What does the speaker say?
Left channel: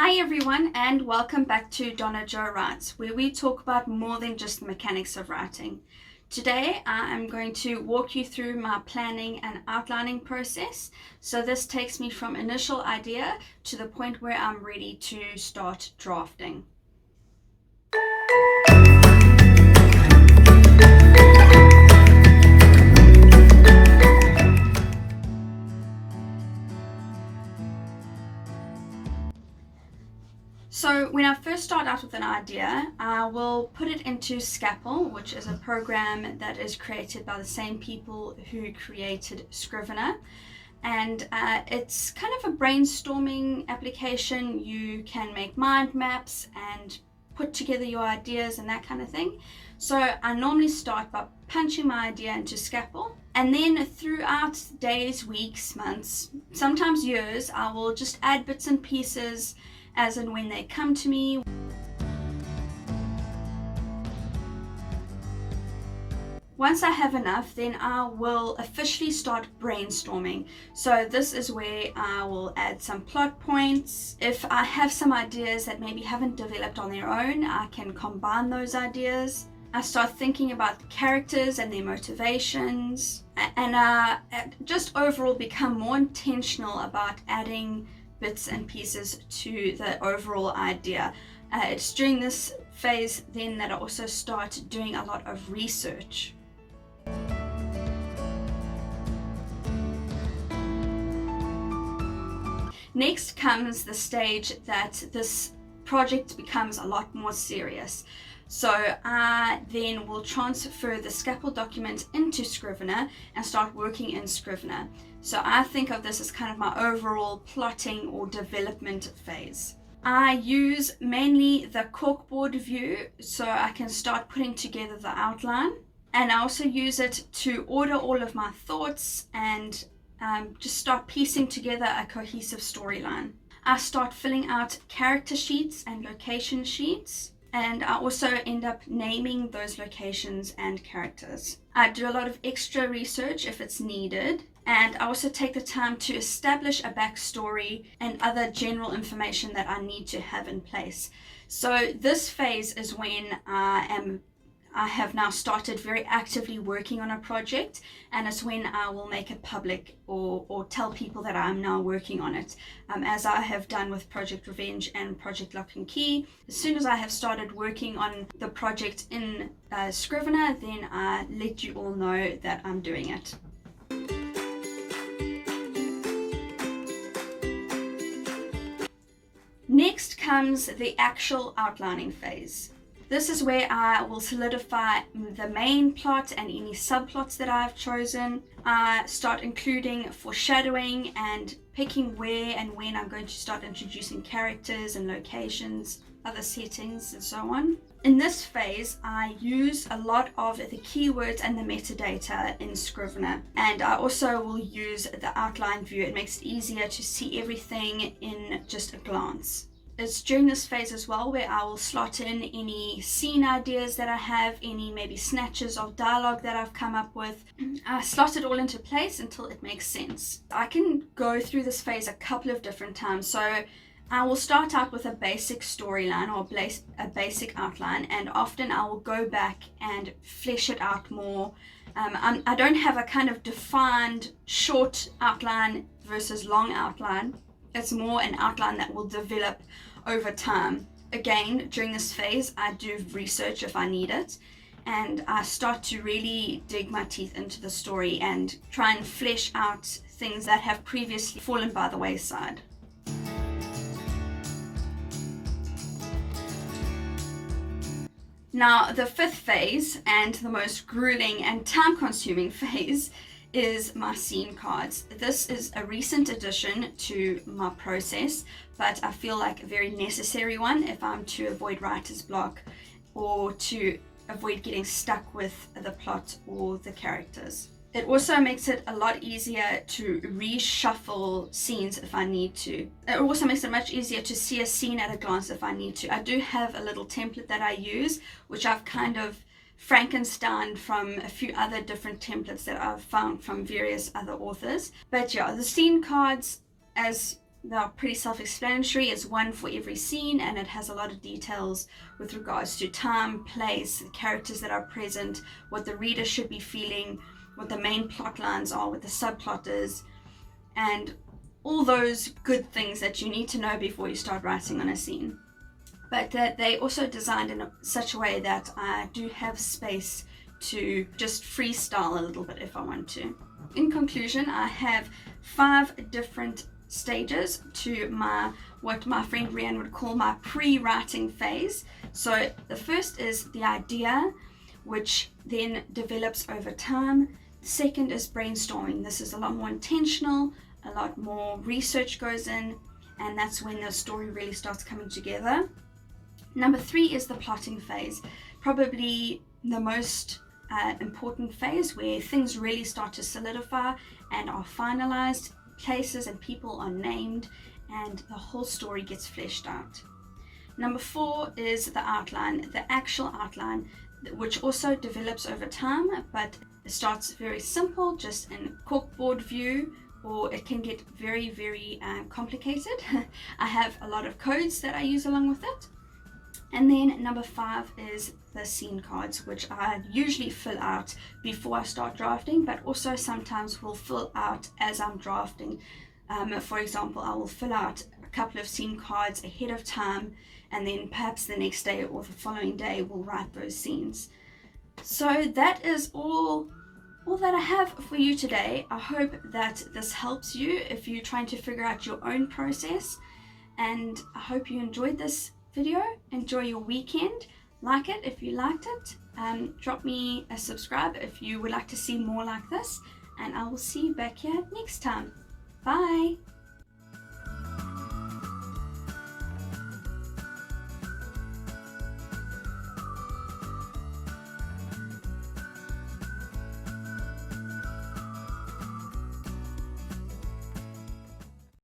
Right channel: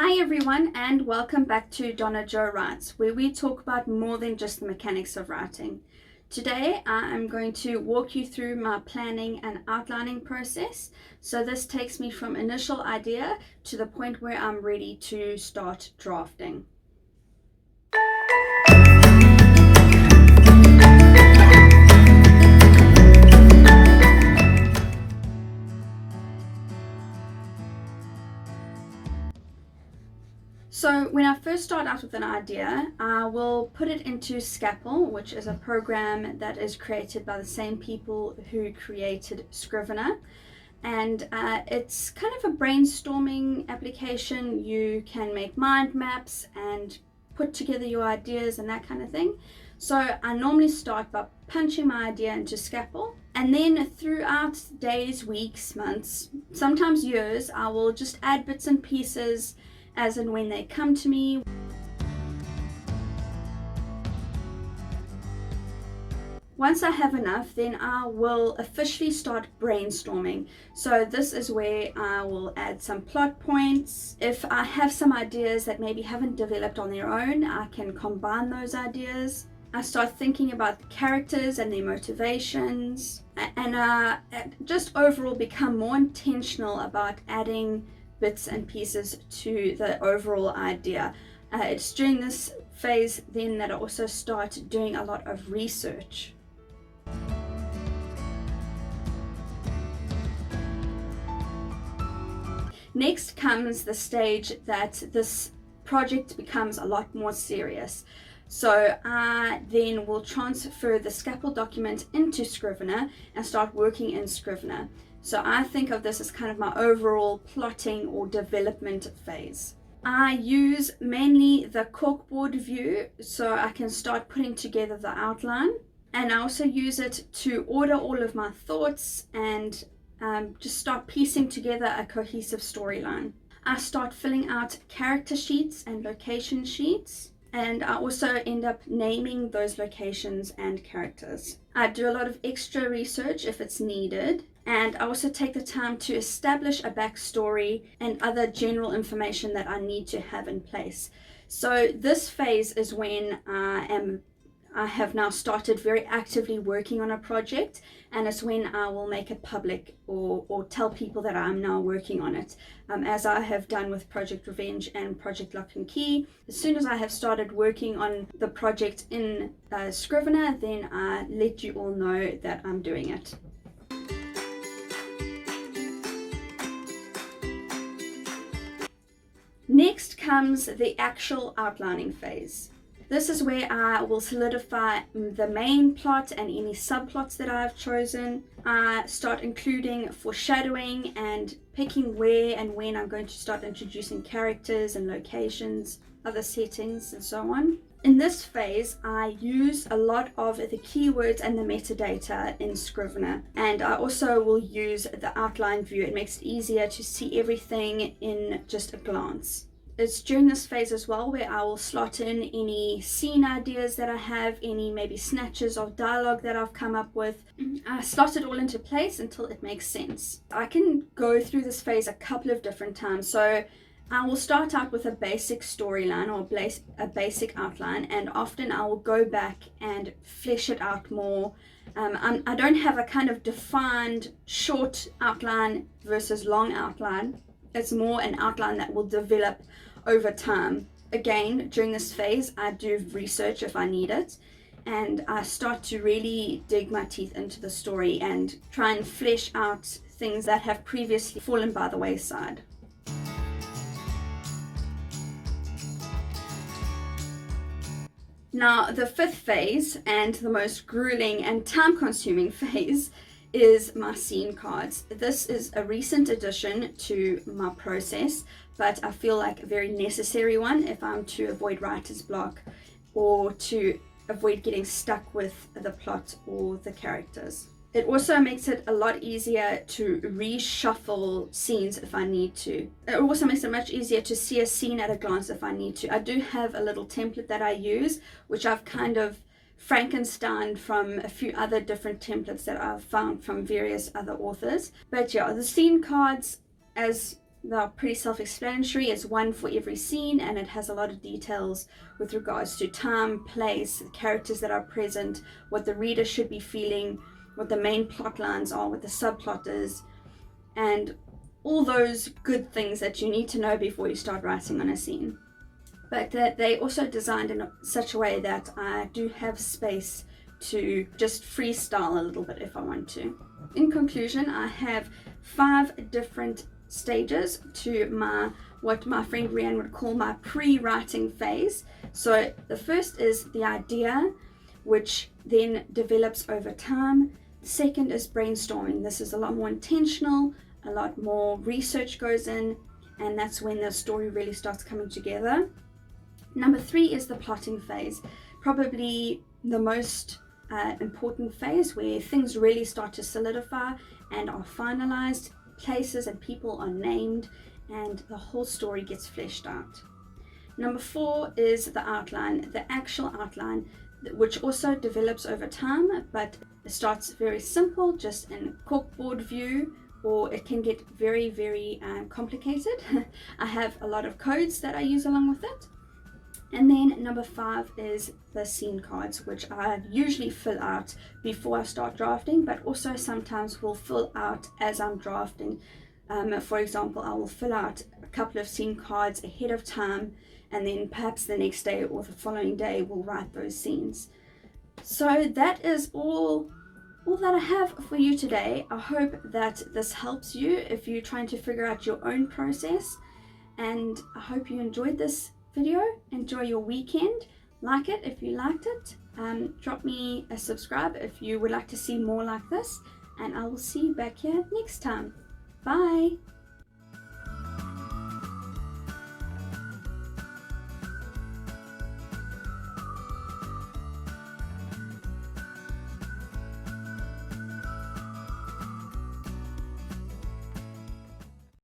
Hi everyone, and welcome back to Donna Jo Writes, where we talk about more than just the mechanics of writing. Today I am going to walk you through my planning and outlining process. So this takes me from initial idea to the point where I'm ready to start drafting. So when I first start out with an idea, I will put it into Scalpel, which is a program that is created by the same people who created Scrivener. And it's kind of a brainstorming application. You can make mind maps and put together your ideas and that kind of thing. So I normally start by punching my idea into Scalpel, and then throughout days, weeks, months, sometimes years, I will just add bits and pieces as and when they come to me. Once I have enough, then I will officially start brainstorming. So this is where I will add some plot points. If I have some ideas that maybe haven't developed on their own, I can combine those ideas. I start thinking about the characters and their motivations, and just overall become more intentional about adding bits and pieces to the overall idea. It's during this phase then that I also start doing a lot of research. Next comes the stage that this project becomes a lot more serious. So I then will transfer the Scalpel document into Scrivener and start working in Scrivener. So I think of this as kind of my overall plotting or development phase. I use mainly the corkboard view so I can start putting together the outline, and I also use it to order all of my thoughts and just start piecing together a cohesive storyline. I start filling out character sheets and location sheets, and I also end up naming those locations and characters. I do a lot of extra research if it's needed, and I also take the time to establish a backstory and other general information that I need to have in place. So this phase is when I have now started very actively working on a project, and it's when I will make it public or tell people that I'm now working on it, as I have done with Project Revenge and Project Lock and Key. As soon as I have started working on the project in Scrivener, then I let you all know that I'm doing it. Next comes the actual outlining phase. This is where I will solidify the main plot and any subplots that I've chosen. I start including foreshadowing and picking where and when I'm going to start introducing characters and locations, other settings, and so on. In this phase, I use a lot of the keywords and the metadata in Scrivener, and I also will use the outline view. It makes it easier to see everything in just a glance. It's during this phase as well where I will slot in any scene ideas that I have, any maybe snatches of dialogue that I've come up with. I slot it all into place until it makes sense. I can go through this phase a couple of different times. So I will start out with a basic storyline or a basic outline, and often I will go back and flesh it out more. I don't have a kind of defined short outline versus long outline. It's more an outline that will develop over time. Again, during this phase, I do research if I need it, and I start to really dig my teeth into the story and try and flesh out things that have previously fallen by the wayside. Now, the fifth phase, and the most grueling and time-consuming phase, is my scene cards. This is a recent addition to my process, but I feel like a very necessary one if I'm to avoid writer's block or to avoid getting stuck with the plot or the characters. It also makes it a lot easier to reshuffle scenes if I need to. It also makes it much easier to see a scene at a glance if I need to. I do have a little template that I use, which I've kind of Frankenstein from a few other different templates that I've found from various other authors. But yeah, the scene cards, as They're pretty self-explanatory. It's one for every scene, and it has a lot of details with regards to time, place, the characters that are present, what the reader should be feeling, what the main plot lines are, what the subplot is, and all those good things that you need to know before you start writing on a scene. But they also designed in such a way that I do have space to just freestyle a little bit if I want to. In conclusion, I have 5 different stages to what my friend Rianne would call my pre-writing phase. So the first is the idea, which then develops over time. The second is brainstorming. This is a lot more intentional, a lot more research goes in, and that's when the story really starts coming together. Number 3 is the plotting phase, probably the most important phase, where things really start to solidify and are finalized, places and people are named, and the whole story gets fleshed out. Number 4 is the outline, the actual outline, which also develops over time, but it starts very simple, just in corkboard view, or it can get very, very complicated. I have a lot of codes that I use along with it. And then number 5 is the scene cards, which I usually fill out before I start drafting, but also sometimes will fill out as I'm drafting. For example, I will fill out a couple of scene cards ahead of time, and then perhaps the next day or the following day we'll write those scenes. So that is all that I have for you today. I hope that this helps you if you're trying to figure out your own process, and I hope you enjoyed this video. Enjoy your weekend. Like it if you liked it. Drop me a subscribe if you would like to see more like this, and I will see you back here next time. Bye.